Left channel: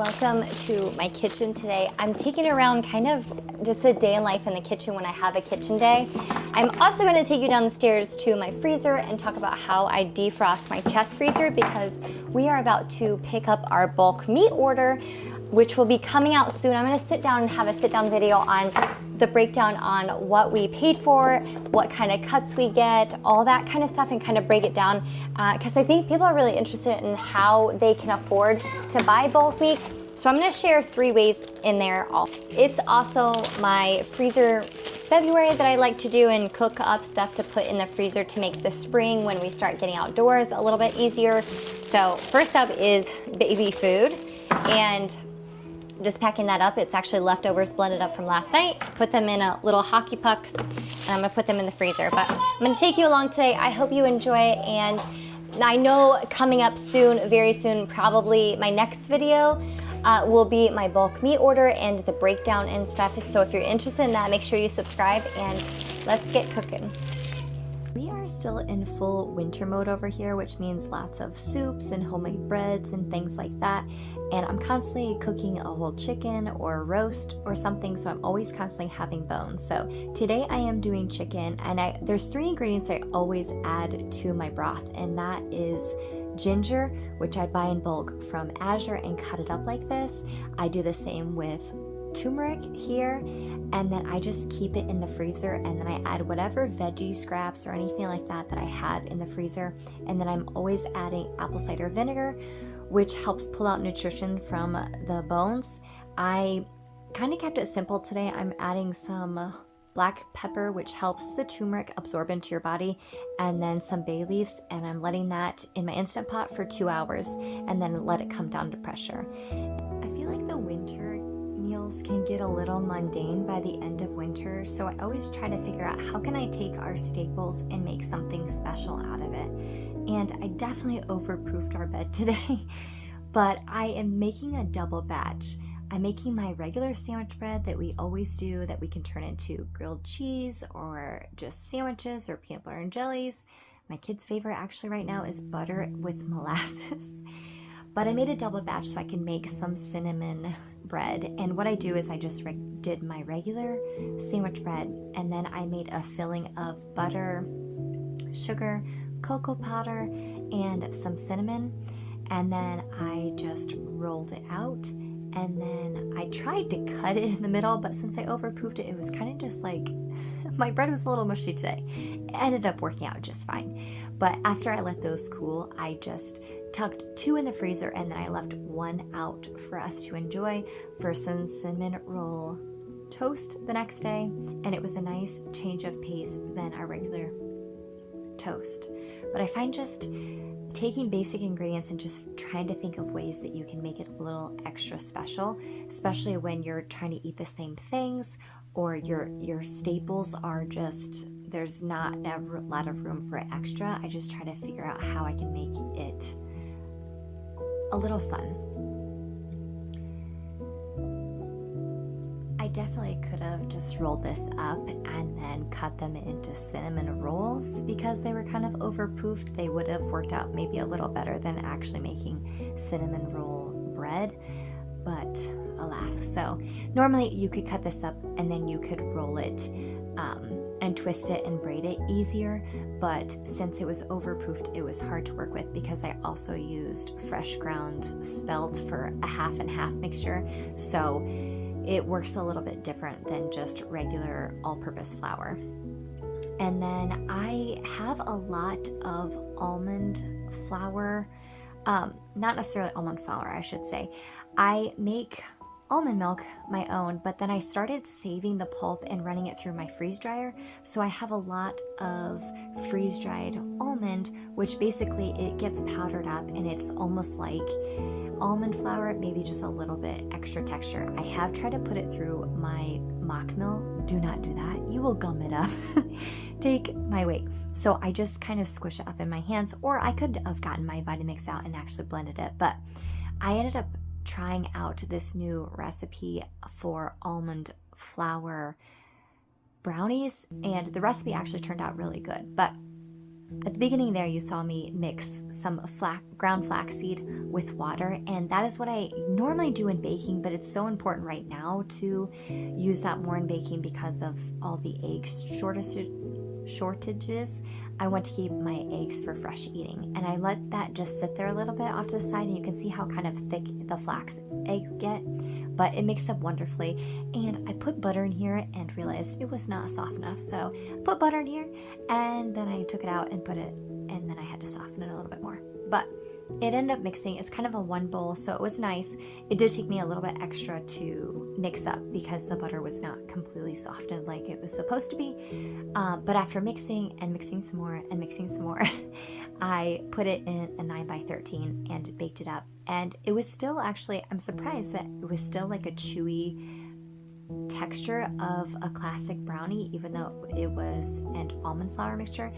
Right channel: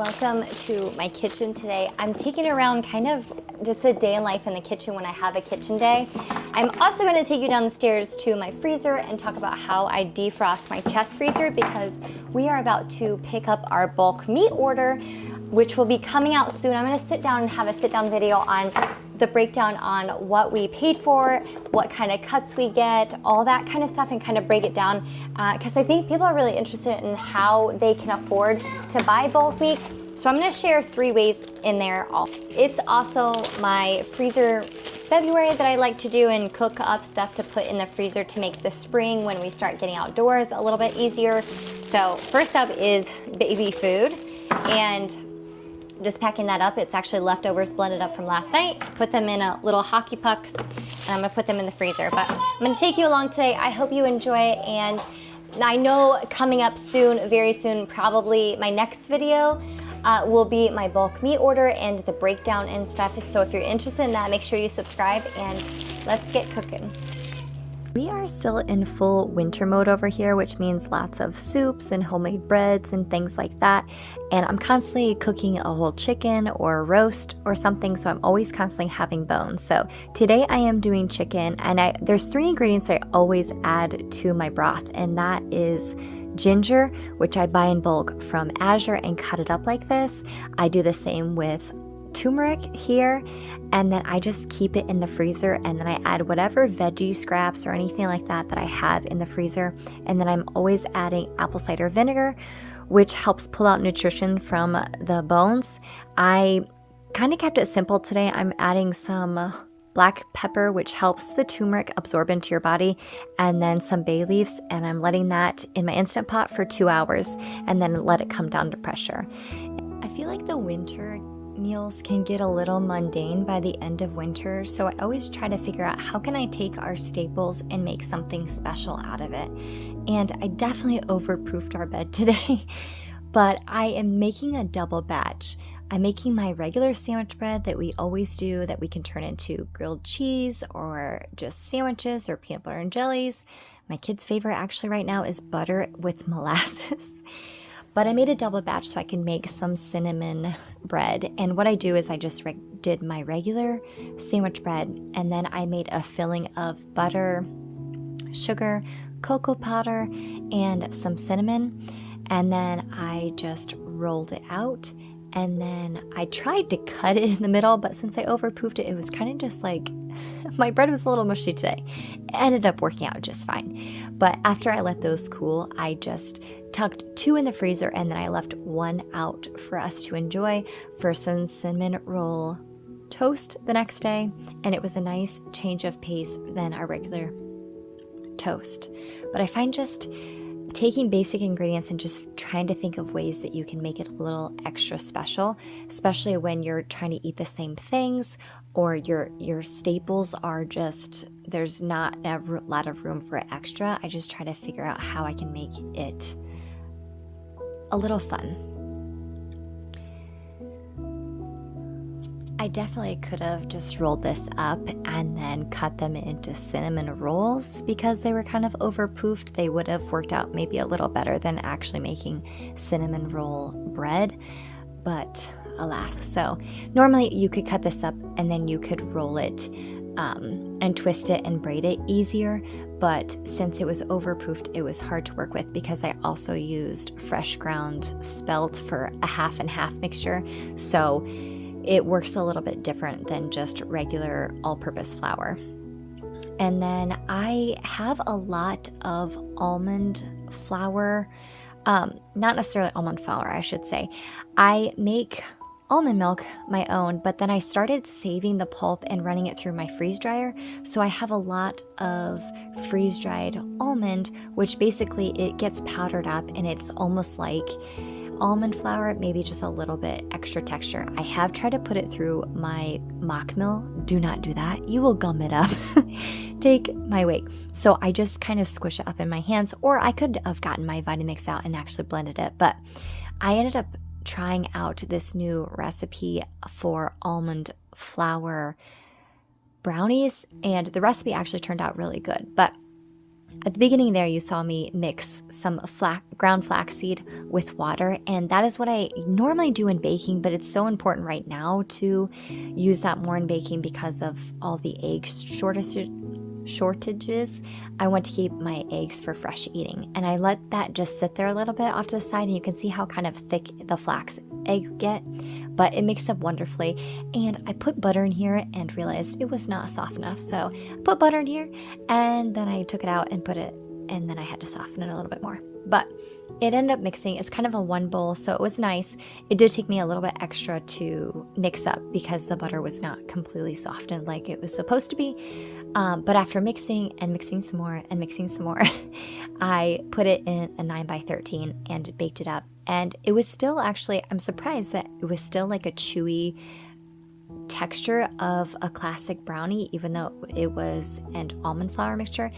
welcome to my kitchen today. I'm taking around kind of just a day in life in the kitchen when I have a kitchen day. I'm also going to take you downstairs to my freezer and talk about how I defrost my chest freezer, because we are about to pick up our bulk meat order, which will be coming out soon. I'm going to sit down and have a sit down video on the breakdown on what we paid for, what kind of cuts we get, all that kind of stuff, and kind of break it down because I think people are really interested in how they can afford to buy bulk meat. So I'm going to share 3 ways in there. It's also my freezer February that I like to do and cook up stuff to put in the freezer to make the spring when we start getting outdoors a little bit easier. So first up is baby food, and just packing that up. It's actually leftovers blended up from last night. Put them in a little hockey pucks, and I'm gonna put them in the freezer. But I'm gonna take you along today. I hope you enjoy it, and I know coming up soon, very soon, probably my next video will be my bulk meat order and the breakdown and stuff. So if you're interested in that, make sure you subscribe, and let's get cooking. We are still in full winter mode over here, which means lots of soups and homemade breads and things like that. And I'm constantly cooking a whole chicken or a roast or something, so I'm always constantly having bones. So today I am doing chicken, and there's 3 ingredients I always add to my broth, and that is ginger, which I buy in bulk from Azure and cut it up like this. I do the same with turmeric here, and then I just keep it in the freezer, and then I add whatever veggie scraps or anything like that that I have in the freezer. And then I'm always adding apple cider vinegar, which helps pull out nutrition from the bones. I kind of kept it simple today. I'm adding some black pepper, which helps the turmeric absorb into your body, and then some bay leaves, and I'm letting that in my Instant Pot for 2 hours and then let it come down to pressure. I feel like the winter meals can get a little mundane by the end of winter, so I always try to figure out how can I take our staples and make something special out of it. And I definitely overproofed our bed today, but I am making a double batch. I'm making my regular sandwich bread that we always do, that we can turn into grilled cheese or just sandwiches or peanut butter and jellies. My kids' favorite actually right now is butter with molasses. But I made a double batch so I can make some cinnamon bread. And what I do is I just did my regular sandwich bread, and then I made a filling of butter, sugar, cocoa powder, and some cinnamon. And then I just rolled it out. And then I tried to cut it in the middle, but since I overproofed it, it was kind of just like, my bread was a little mushy today. It ended up working out just fine. But after I let those cool, I just tucked 2 in the freezer, and then I left 1 out for us to enjoy for some cinnamon roll toast the next day. And it was a nice change of pace than our regular toast. But I find just taking basic ingredients and just trying to think of ways that you can make it a little extra special, especially when you're trying to eat the same things, or your staples are just, there's not a lot of room for extra. I just try to figure out how I can make it a little fun. I definitely could have just rolled this up and then cut them into cinnamon rolls, because they were kind of overproofed. They would have worked out maybe a little better than actually making cinnamon roll bread, but alas. So normally you could cut this up and then you could roll it and twist it and braid it easier, but since it was overproofed, it was hard to work with, because I also used fresh ground spelt for a half and half mixture, so it works a little bit different than just regular all-purpose flour. And then I have a lot of almond flour, not necessarily almond flour, I should say. I make almond milk my own, but then I started saving the pulp and running it through my freeze dryer. So I have a lot of freeze dried almond, which basically it gets powdered up and it's almost like almond flour, maybe just a little bit extra texture. I have tried to put it through my mock mill. Do not do that. You will gum it up. Take my weight. So I just kind of squish it up in my hands, or I could have gotten my Vitamix out and actually blended it, but I ended up trying out this new recipe for almond flour brownies, and the recipe actually turned out really good. But At the beginning there, you saw me mix some ground flaxseed with water, and that is what I normally do in baking, but it's so important right now to use that more in baking because of all the egg shortages. I want to keep my eggs for fresh eating, and I let that just sit there a little bit off to the side, and you can see how kind of thick the flax eggs get, but it mixes up wonderfully. And I put butter in here and realized it was not soft enough, so I put butter in here, and then I took it out and put it, and then I had to soften it a little bit more, but it ended up mixing. It's kind of a one bowl, so it was nice. It did take me a little bit extra to mix up because the butter was not completely softened like it was supposed to be. But after mixing and mixing some more and mixing some more, I put it in a 9x13 and baked it up. And it was still actually, I'm surprised that it was still like a chewy texture of a classic brownie, even though it was an almond flour mixture.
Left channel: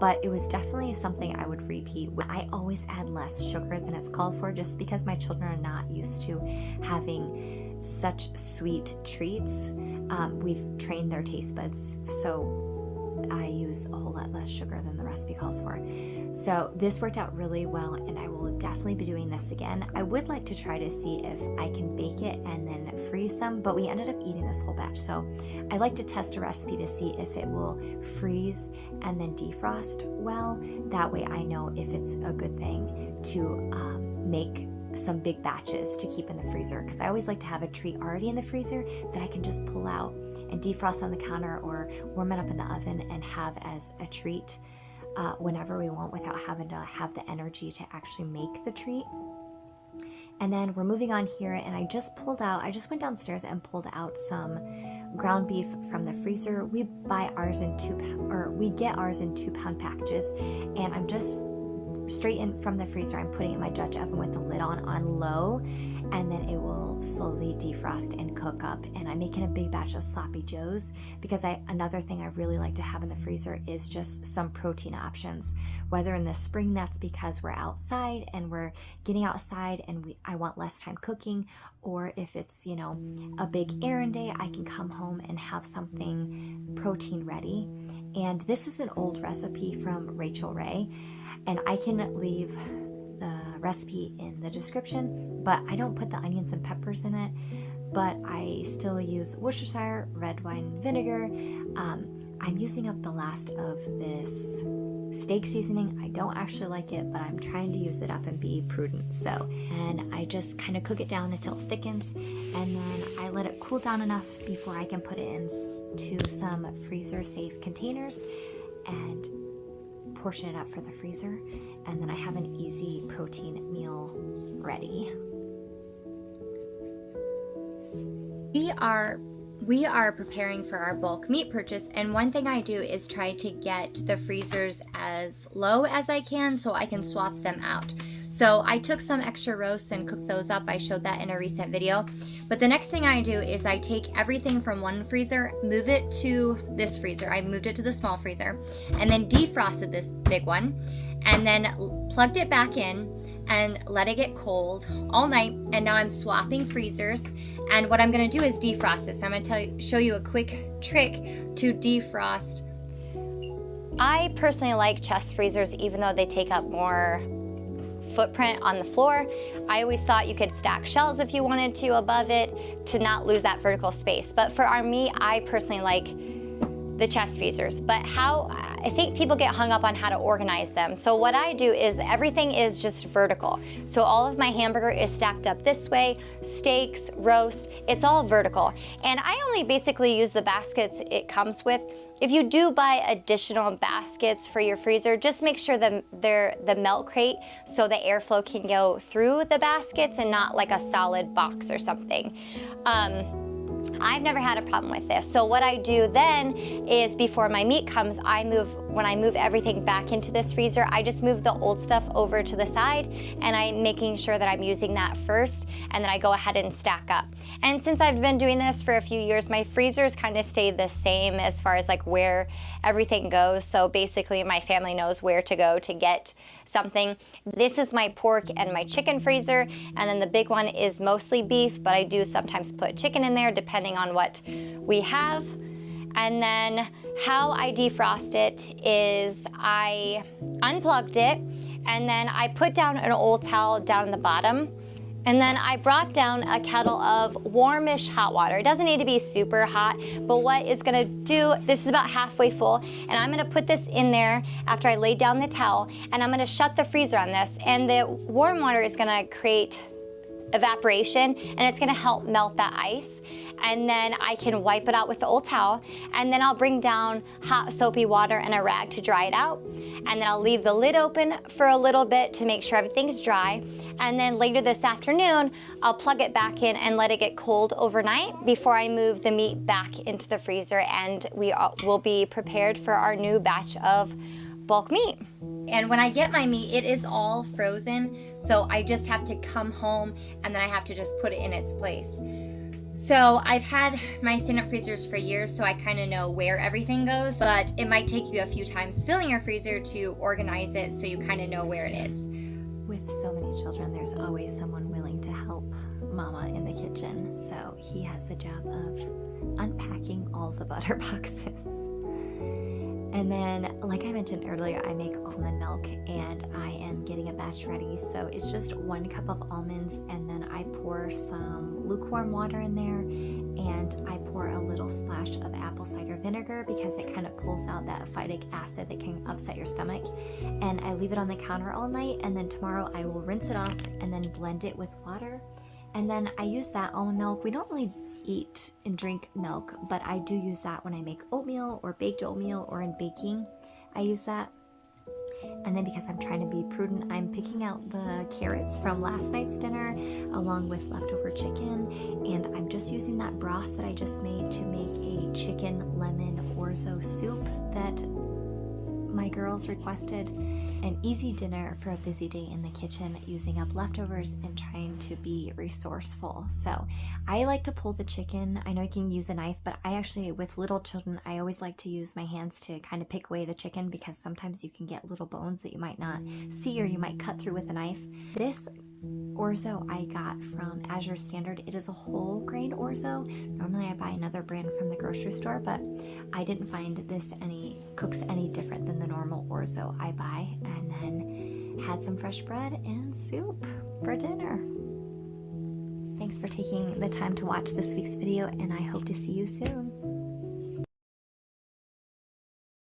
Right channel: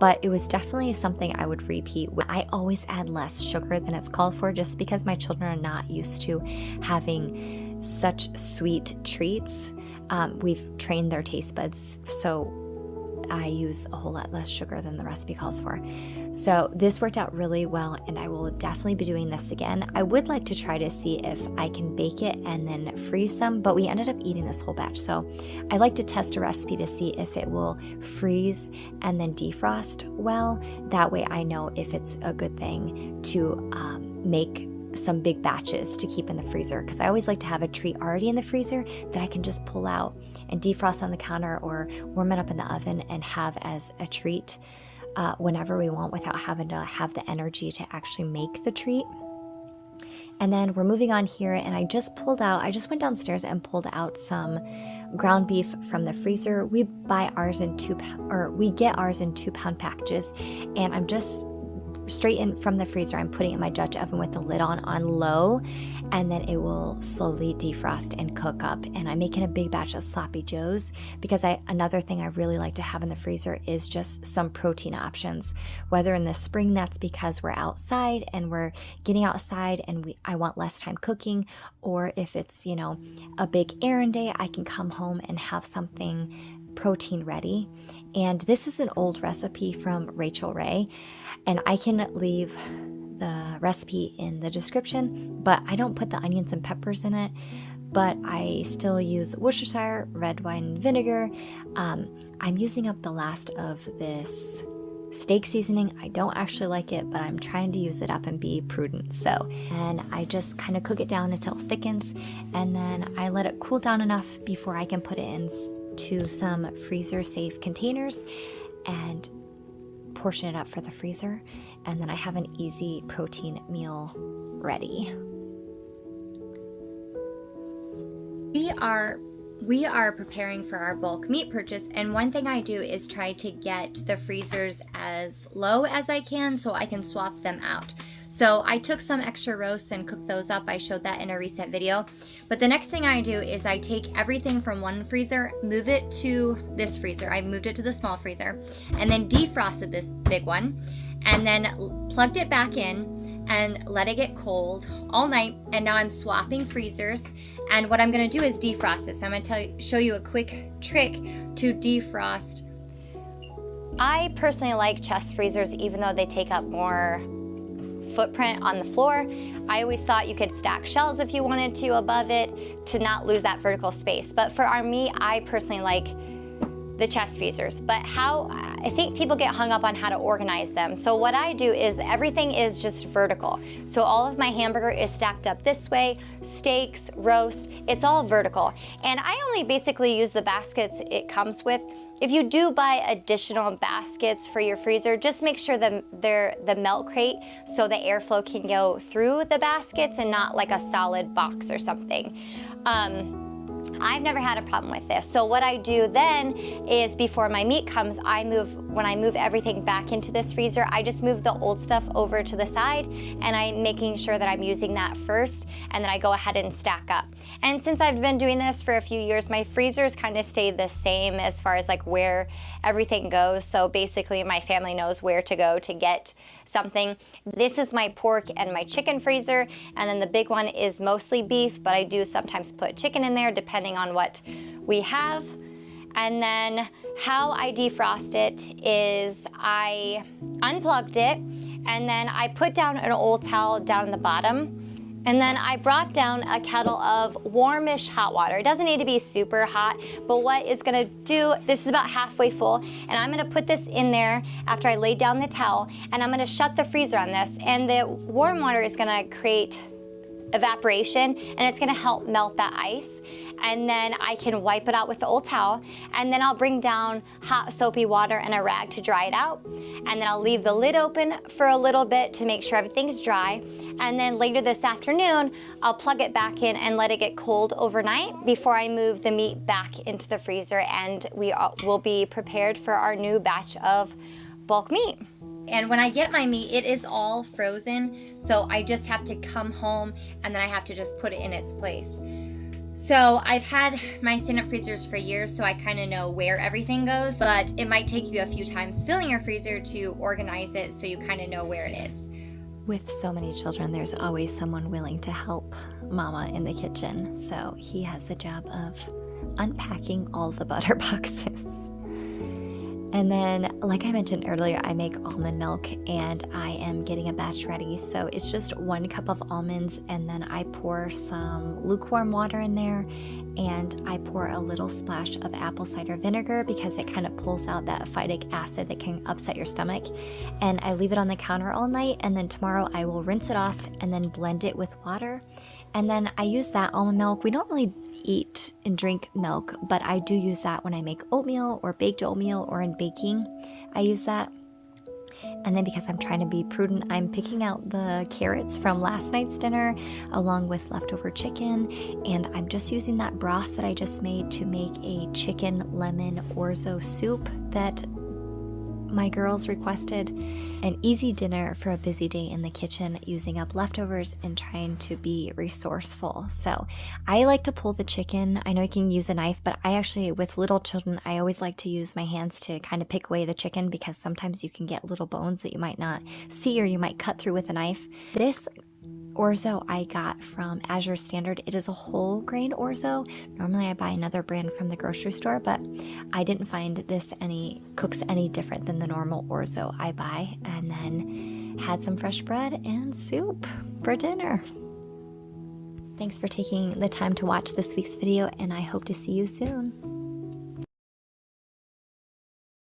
But it was definitely something I would repeat. I always add less sugar than it's called for, just because my children are not used to having such sweet treats. We've trained their taste buds, so I use a whole lot less sugar than the recipe calls for. So this worked out really well, and I will definitely be doing this again. I would like to try to see if I can bake it and then freeze some, but we ended up eating this whole batch. So I like to test a recipe to see if it will freeze and then defrost well. That way I know if it's a good thing to make some big batches to keep in the freezer, because I always like to have a treat already in the freezer that I can just pull out and defrost on the counter or warm it up in the oven and have as a treat whenever we want, without having to have the energy to actually make the treat. And then we're moving on here, and I just went downstairs and pulled out some ground beef from the freezer. We get ours in 2-pound packages, and I'm just straight in from the freezer. I'm putting it in my Dutch oven with the lid on low, and then it will slowly defrost and cook up. And I'm making a big batch of sloppy joes because another thing I really like to have in the freezer is just some protein options. Whether in the spring, that's because we're outside and we're getting outside and I want less time cooking, or if it's, a big errand day, I can come home and have something protein ready. And this is an old recipe from Rachel Ray, and I can leave the recipe in the description, but I don't put the onions and peppers in it, but I still use Worcestershire red wine vinegar. I'm using up the last of this steak seasoning. I don't actually like it, but I'm trying to use it up and be prudent. And I just kind of cook it down until it thickens, and then I let it cool down enough before I can put it into some freezer safe containers and portion it up for the freezer. And then I have an easy protein meal ready. We are preparing for our bulk meat purchase, and one thing I do is try to get the freezers as low as I can so I can swap them out. So I took some extra roasts and cooked those up. I showed that in a recent video. But the next thing I do is I take everything from one freezer, move it to this freezer. I moved it to the small freezer, and then defrosted this big one, and then plugged it back in and let it get cold all night. And now I'm swapping freezers, and what I'm going to do is defrost this. I'm going to show you a quick trick to defrost. I personally like chest freezers, even though they take up more footprint on the floor. I always thought you could stack shelves if you wanted to above it to not lose that vertical space. But for our meat, I personally like the chest freezers. But I think people get hung up on how to organize them. So what I do is everything is just vertical. So all of my hamburger is stacked up this way, steaks, roast, it's all vertical. And I only basically use the baskets it comes with. If you do buy additional baskets for your freezer, just make sure that they're the melt crate so the airflow can go through the baskets and not like a solid box or something. I've never had a problem with this. So what I do then is before my meat comes, when I move everything back into this freezer, I just move the old stuff over to the side, and I'm making sure that I'm using that first, and then I go ahead and stack up. And since I've been doing this for a few years, my freezers kind of stay the same as far as like where everything goes. So basically my family knows where to go to get something. This is my pork and my chicken freezer, and then the big one is mostly beef, but I do sometimes put chicken in there depending on what we have. And then how I defrost it is I unplugged it, and then I put down an old towel down the bottom. And then I brought down a kettle of warmish hot water. It doesn't need to be super hot, but what it's gonna do, this is about halfway full, and I'm gonna put this in there after I lay down the towel, and I'm gonna shut the freezer on this, and the warm water is gonna create evaporation, and it's gonna help melt that ice. And then I can wipe it out with the old towel, and then I'll bring down hot soapy water and a rag to dry it out. And then I'll leave the lid open for a little bit to make sure everything's dry. And then later this afternoon, I'll plug it back in and let it get cold overnight before I move the meat back into the freezer, and we will be prepared for our new batch of bulk meat. And when I get my meat, it is all frozen, so I just have to come home and then I have to just put it in its place. So I've had my stand-up freezers for years, so I kind of know where everything goes, but it might take you a few times filling your freezer to organize it so you kind of know where it is. With so many children, there's always someone willing to help Mama in the kitchen, so he has the job of unpacking all the butter boxes. And then, like I mentioned earlier, I make almond milk, and I am getting a batch ready. So it's just 1 cup of almonds, and then I pour some lukewarm water in there, and I pour a little splash of apple cider vinegar because it kind of pulls out that phytic acid that can upset your stomach. And I leave it on the counter all night, and then tomorrow I will rinse it off and then blend it with water. And then I use that almond milk. We don't really eat and drink milk, but I do use that when I make oatmeal or baked oatmeal or in baking. I use that. And then because I'm trying to be prudent, I'm picking out the carrots from last night's dinner along with leftover chicken. And I'm just using that broth that I just made to make a chicken lemon orzo soup that my girls requested. An easy dinner for a busy day in the kitchen, using up leftovers and trying to be resourceful. So I like to pull the chicken. I know you can use a knife, but I actually, with little children, I always like to use my hands to kind of pick away the chicken because sometimes you can get little bones that you might not see or you might cut through with a knife. This orzo I got from Azure Standard. It is a whole grain orzo. Normally I buy another brand from the grocery store, but I didn't find this cooks any different than the normal orzo I buy. And then had some fresh bread and soup for dinner. Thanks for taking the time to watch this week's video, and I hope to see you soon.